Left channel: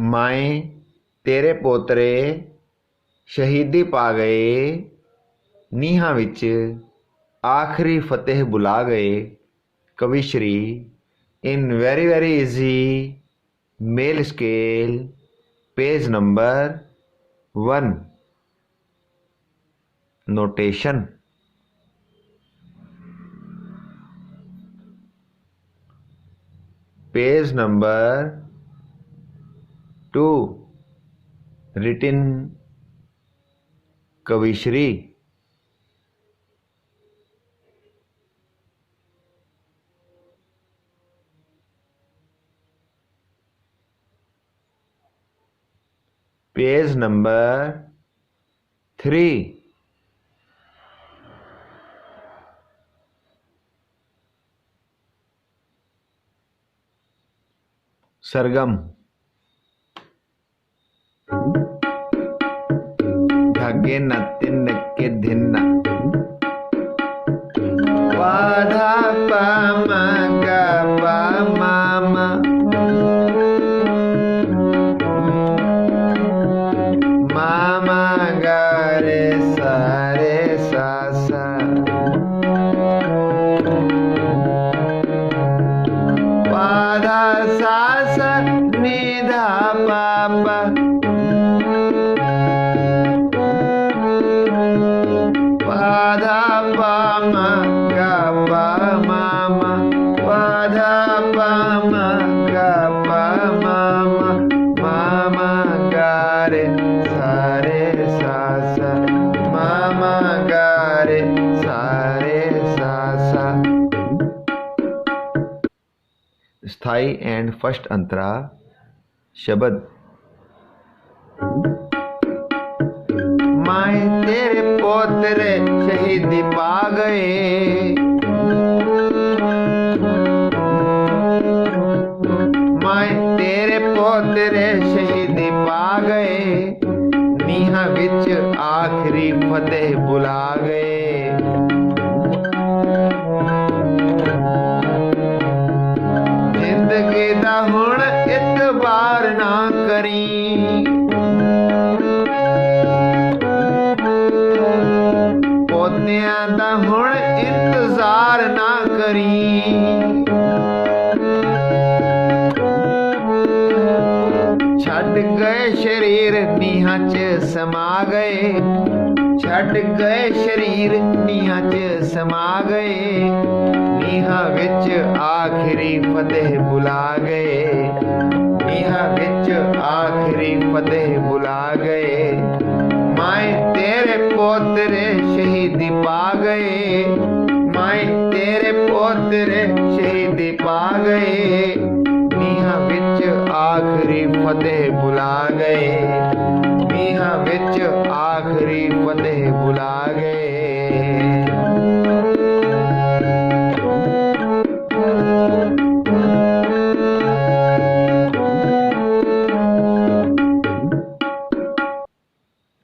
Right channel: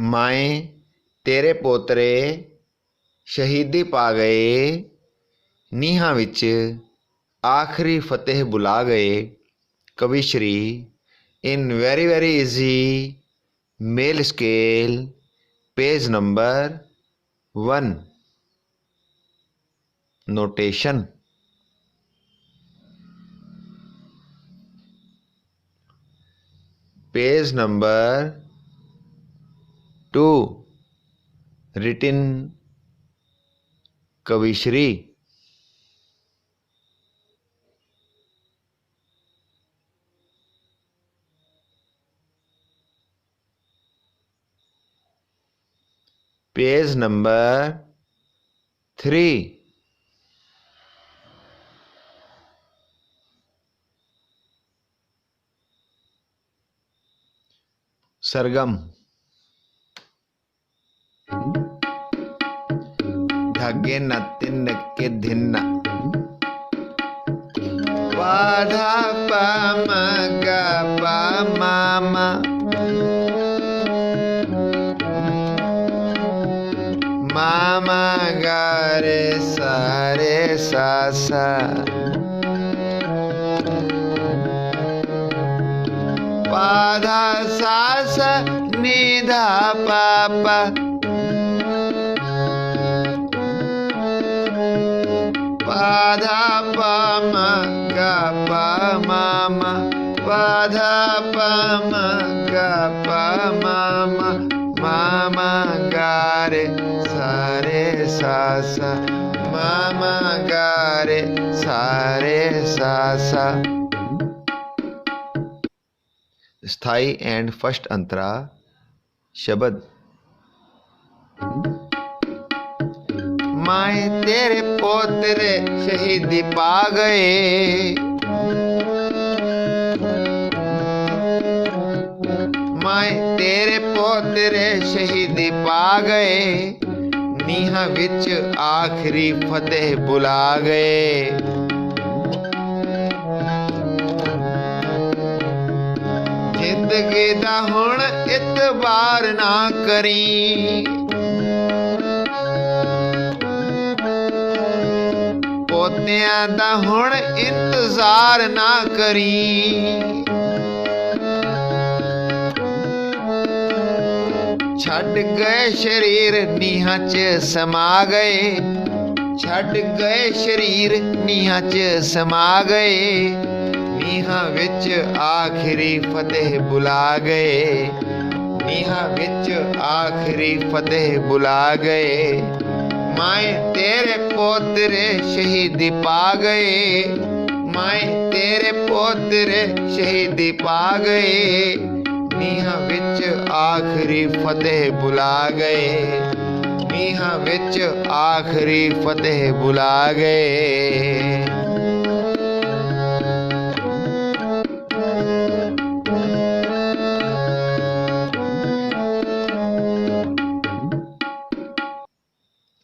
माए तेरे पोतरे शहीदी पा गए, नीहां विच आखिरी फतेह बुला गए। कवि श्री in very easy male scale page number 1 notation. Page number 2 written कविश्री। Page number 3 sargam. धागे न तिन के धिन वाधा पा मा गा पा मा मा मा गा रे सा सा पाधा सा सा नि धा पा पा पाधा पा मा गा पा मा मा पाधा पा मा गा पा मा मा गा रे सा सा मा गा रे सा सा। स्थाई एंड फर्स्ट अंतरा शब्द। माए तेरे पोतरे शहीदी पा गए, माए तेरे पोतरे शहीदी पा गए, नीहां विच आखिरी फतेह बुला गए। जिंदगी दा हुण इतबार ना करी, पोतियां दा हुण इंतजार ना करी। छड्ड गए शरीर नीहां च समा गए, छड्ड गए शरीर नीहां च समा गए, नीहां विच आखिरी फतेह बुला गए, नीहां विच आखिरी फतेह बुला गए। माए तेरे पोतरे शहीदी पा गए, माए तेरे पोतरे शहीदी पा गए, नीहां विच आखिरी फतेह बुला गए, नीहां विच आखिरी फतेह बुला गए।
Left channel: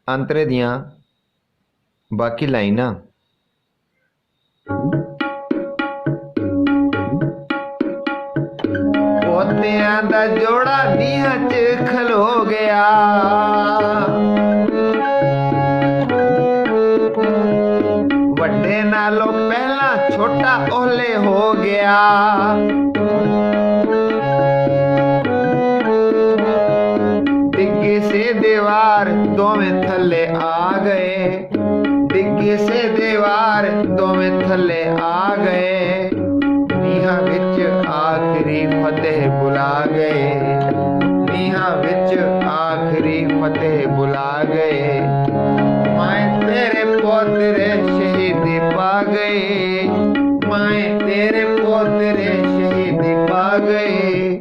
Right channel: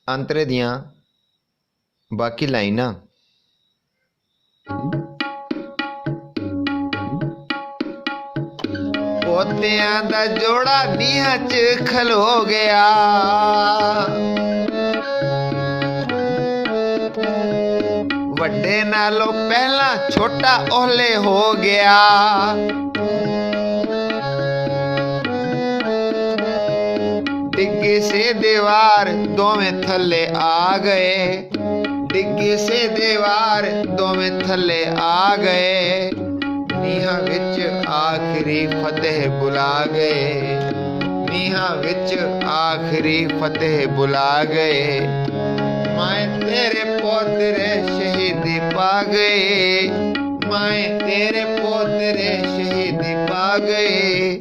अंतरे दियां बाकी लाइनां। पोतियां दा जोड़ा नीहां च खलो गया, वड्डे नालों पहला छोटा ओहले हो गया। डिग्गी से दीवार दोवें थल्ले आ गए, डिग्गी से दीवार दोवें थल्ले आ गए, नीहां विच आखिरी फतेह बुला गए, नीहां विच आखिरी फतेह बुला गए। माए तेरे पोतरे शहीदी पा गए, माए तेरे पोतरे शहीदी पा गए,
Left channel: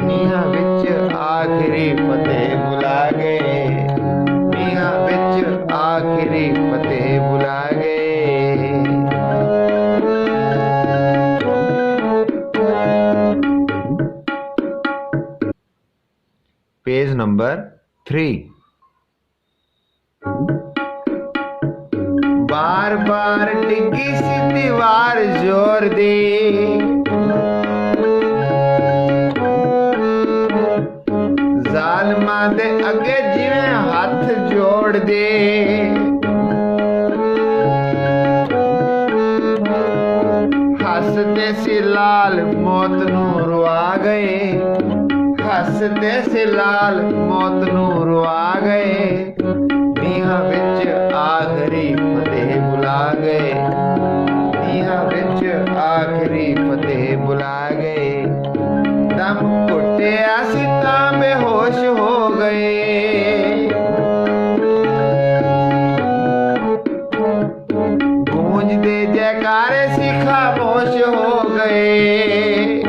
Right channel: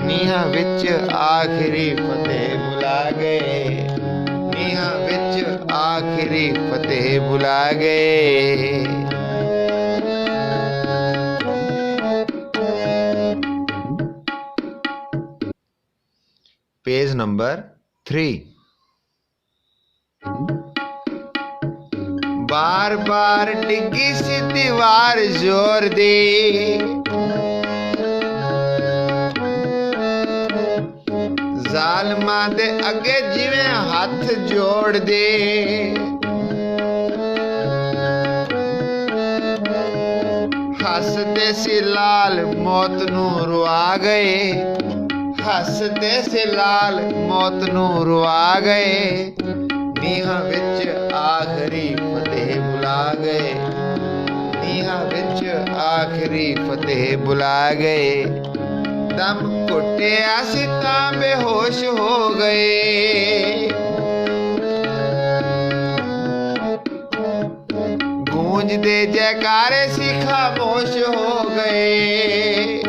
नीहां विच आखिरी फतेह बुला गए, नीहां विच आखिरी फतेह बुला गए। Page number 3। बार बार डिग्गी सी दीवार जोर दी, ਜ਼ਾਲਮਾਂ ਦੇ ਅੱਗੇ ਜਿਵੇਂ ਹੱਥ ਜੋੜਦੇ। ਹੱਸਦੇ ਸੀ ਲਾਲ ਮੌਤ ਨੂੰ ਰਵਾ ਗਏ, ਹੱਸਦੇ ਸੀ ਲਾਲ ਮੌਤ ਨੂੰ ਰਵਾ ਗਏ। ਨੀਹਾਂ ਵਿੱਚ ਆਖਰੀ ਫਤਿਹ ਬੁਲਾ ਗਏ, ਨੀਹਾਂ ਵਿੱਚ ਆਖਰੀ ਫਤਿਹ ਬੁਲਾ ਗਏ। ਦਮ ਘੁੱਟਿਆ ਸੀ ਤਾਂ ਬੇਹੋਸ਼ ਹੋ ਗਏ। ਗੂੰਜਦੇ ਜੈਕਾਰੇ ਸੀ ਖਾਮੋਸ਼ ਹੋ ਗਏ।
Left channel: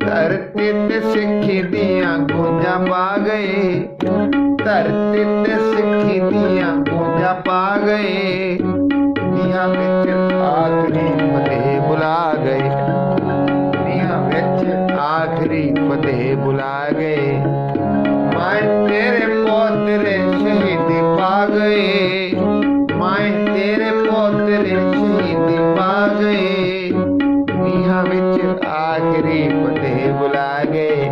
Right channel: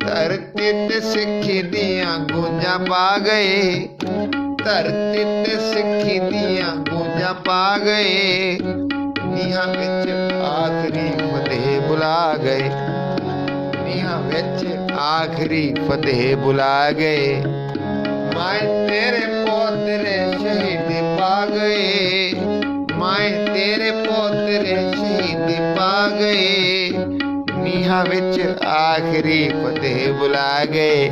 ਧਰਤੀ ਤੇ ਸਿੱਖੀ ਦੀਆਂ ਗੂੰਜਾਂ ਪਾ ਗਏ, ਧਰਤੀ ਤੇ ਸਿੱਖੀ ਦੀਆਂ ਗੂੰਜਾਂ ਪਾ ਗਏ। ਨੀਹਾਂ ਵਿੱਚ ਆਖਰੀ ਫਤਿਹ ਬੁਲਾ ਗਏ, ਨੀਹਾਂ ਵਿੱਚ ਆਖਰੀ ਫਤਿਹ ਬੁਲਾ ਗਏ। ਮਾਏ ਤੇਰੇ ਪੋਤਰੇ ਸ਼ਹੀਦ ਪਾ ਗਏ, ਮਾਏ ਤੇਰੇ ਪੋਤਰੇ ਸ਼ਹੀਦ ਪਾ ਗਏ। ਨੀਹਾਂ ਵਿੱਚ ਆਖਰੀ ਫਤਿਹ ਬੁਲਾ ਗਏ,